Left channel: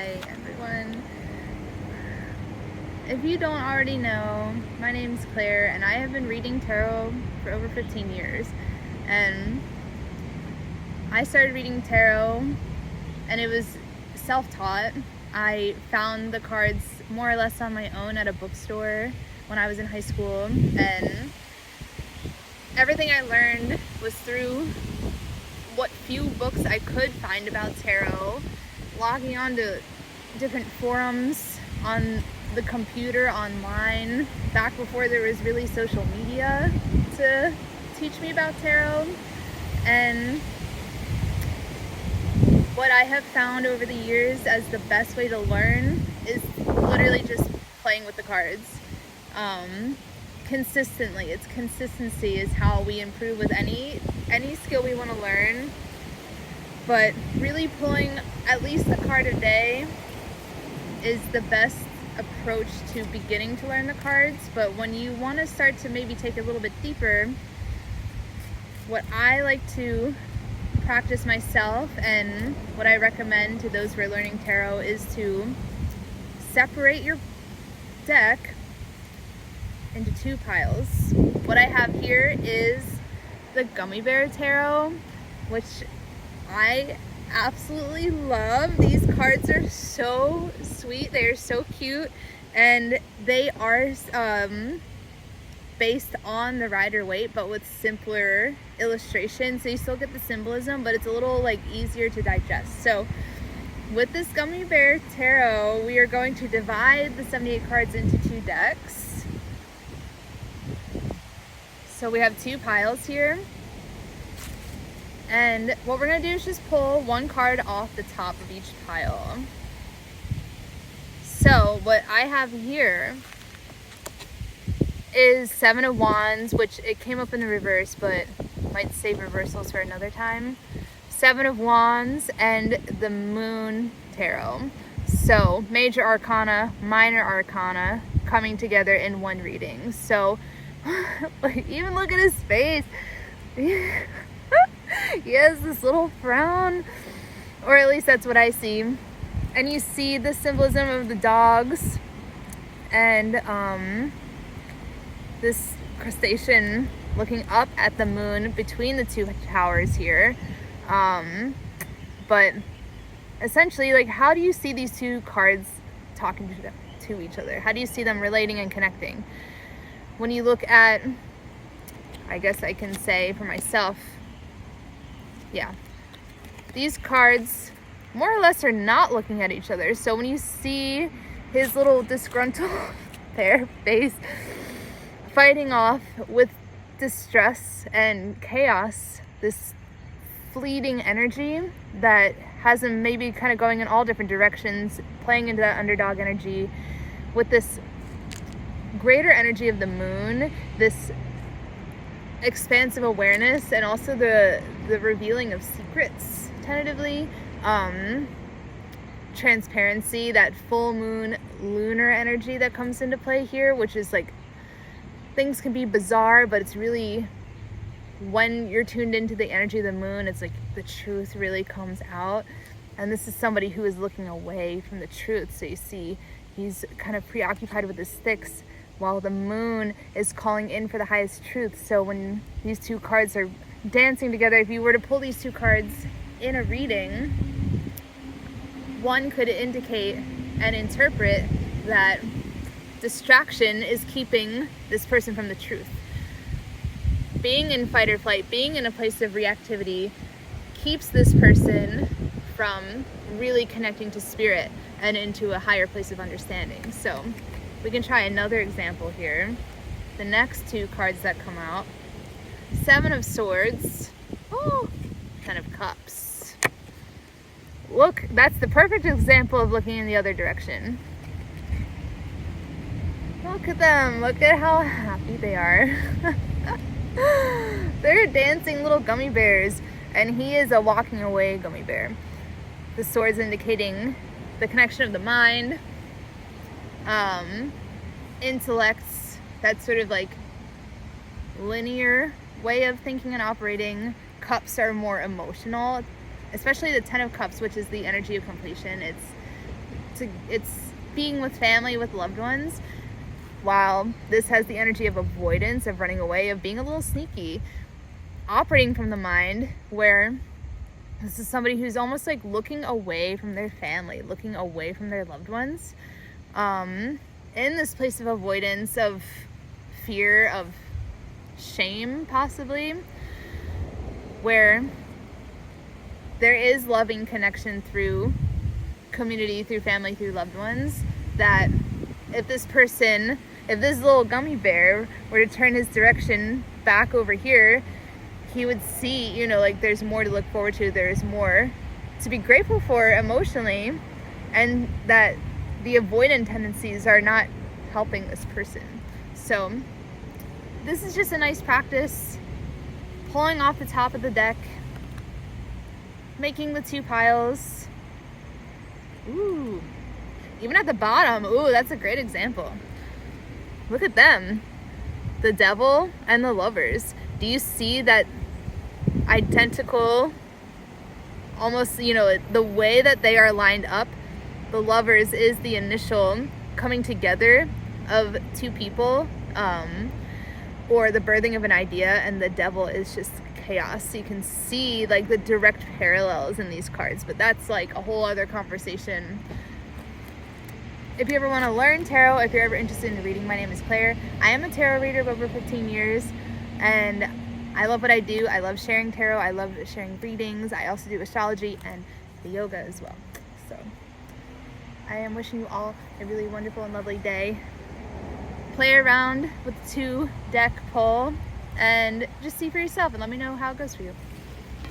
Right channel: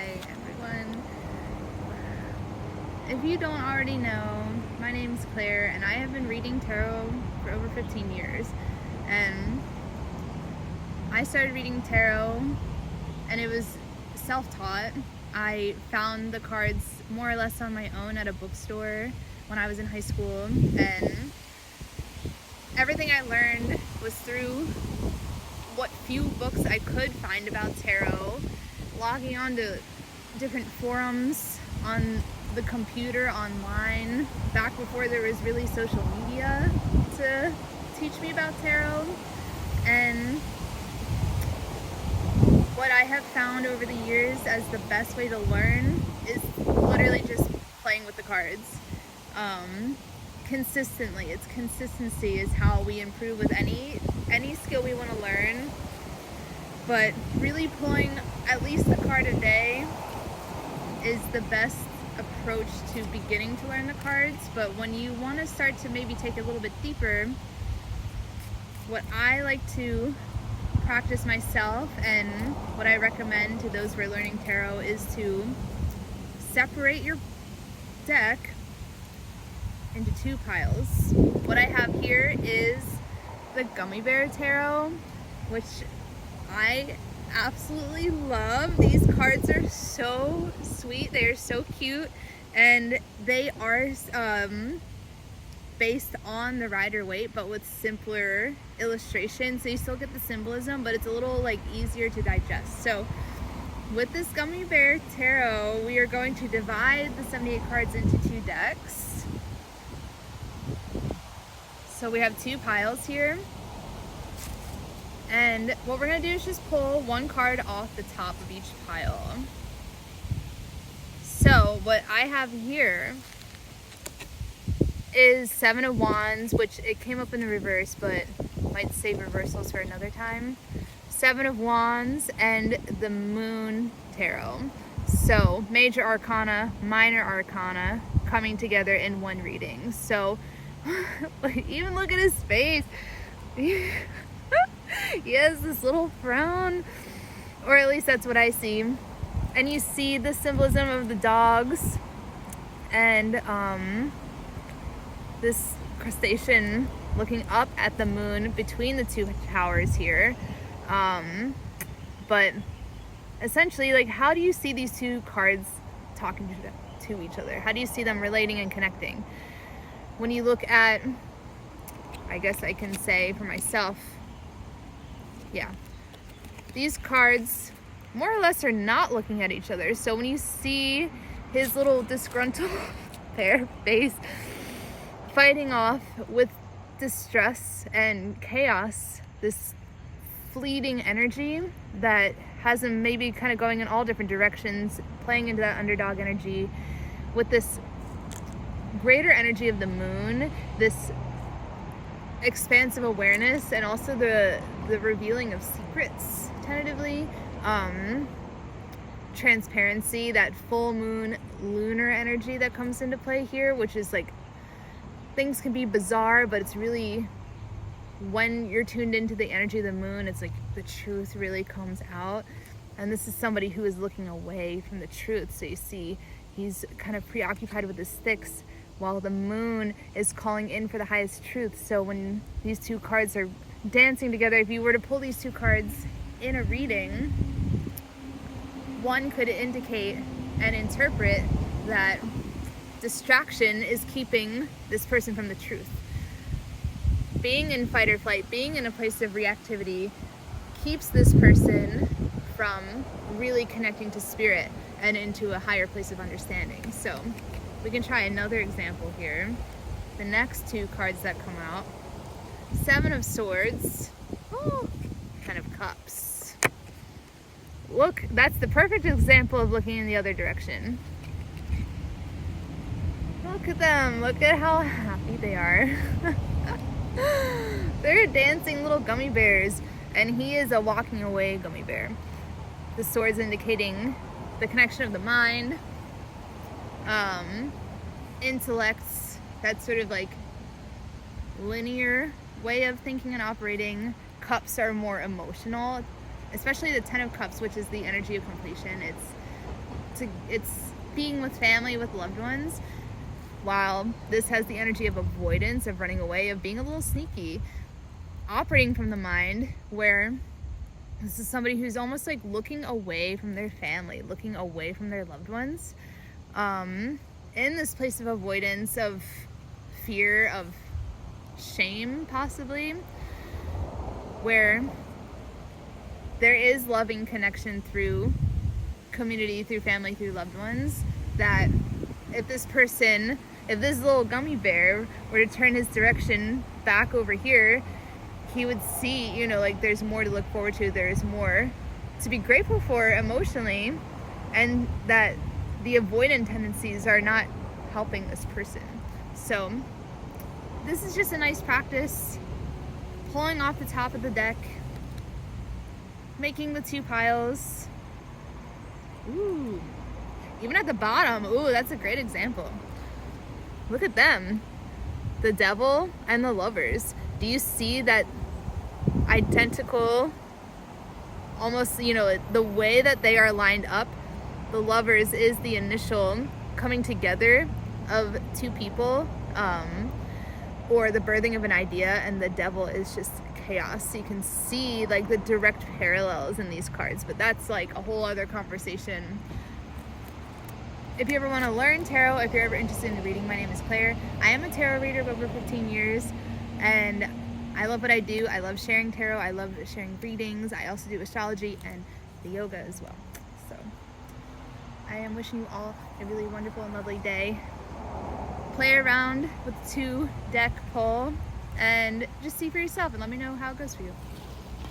Hi everyone. If you don't already know, my name's Claire and I have been reading tarot for over 15 years. And I started reading tarot and it was self-taught. I found the cards more or less on my own at a bookstore when I was in high school, and everything I learned was through what few books I could find about tarot, logging on to different forums on the computer, online, back before there was really social media to teach me about tarot. And what I have found over the years as the best way to learn is literally just playing with the cards. Consistently. It's consistency is how we improve with any skill we want to learn. But really pulling at least a card a day is the best approach to beginning to learn the cards. But when you want to start to maybe take it a little bit deeper, what I like to practice myself and what I recommend to those who are learning tarot is to separate your deck into two piles. What I have here is the Gummy Bear Tarot, which I absolutely love. These cards are so sweet, they are so cute, and they are based on the Rider-Waite but with simpler illustrations, so you still get the symbolism, but it's a little like easier to digest. So with this Gummy Bear Tarot, we are going to divide the 78 cards into two decks. So we have two piles here, and what we're going to do is just pull one card off the top of each pile. So what I have here is Seven of Wands, which it came up in the reverse, but might save reversals for another time. Seven of Wands and the Moon Tarot. So major arcana, minor arcana coming together in one reading. So even look at his face. He has this little frown, or at least that's what I see. And you see the symbolism of the dogs and this crustacean looking up at the moon between the two towers here. But essentially, like, how do you see these two cards talking to each other? How do you see them relating and connecting? When you look at, I guess I can say for myself, yeah, these cards more or less are not looking at each other. So when you see his little disgruntled fair face fighting off with distress and chaos, this fleeting energy that has him maybe kind of going in all different directions, playing into that underdog energy with this greater energy of the moon, this expansive awareness, and also the revealing of secrets tentatively, transparency, that full moon lunar energy that comes into play here, which is like, things can be bizarre, but it's really, when you're tuned into the energy of the moon, it's like the truth really comes out. And this is somebody who is looking away from the truth. So you see he's kind of preoccupied with his sticks while the moon is calling in for the highest truth. So when these two cards are dancing together, if you were to pull these two cards in a reading, one could indicate and interpret that distraction is keeping this person from the truth. Being in fight or flight, being in a place of reactivity, keeps this person from really connecting to spirit and into a higher place of understanding. So we can try another example here. The next two cards that come out, Seven of Swords, Ten of Cups. Look, that's the perfect example of looking in the other direction. Look at them, look at how happy they are. They're dancing little gummy bears, and he is a walking away gummy bear. The swords indicating the connection of the mind, intellects, that sort of like linear way of thinking and operating. Cups are more emotional, especially the Ten of Cups, which is the energy of completion. It's it's being with family, with loved ones, while this has the energy of avoidance, of running away, of being a little sneaky, operating from the mind, where this is somebody who's almost like looking away from their family, looking away from their loved ones, in this place of avoidance, of fear, of shame, possibly, where there is loving connection through community, through family, through loved ones, that if this little gummy bear were to turn his direction back over here, he would see, you know, like there's more to look forward to, there's more to be grateful for emotionally, and that the avoidant tendencies are not helping this person. So this is just a nice practice, pulling off the top of the deck, making the 2 piles. Ooh, even at the bottom, ooh, that's a great example. Look at them, the Devil and the Lovers. Do you see that identical, almost, you know, the way that they are lined up? The Lovers is the initial coming together of 2 people, or the birthing of an idea, and the Devil is just chaos. So you can see like the direct parallels in these cards, but that's like a whole other conversation. If you ever want to learn tarot, if you're ever interested in reading, my name is Claire. I am a tarot reader of over 15 years, and I love what I do. I love sharing tarot. I love sharing readings. I also do astrology and yoga as well. So I am wishing you all a really wonderful and lovely day. Play around with the 2 deck pull and just see for yourself, and let me know how it goes for you.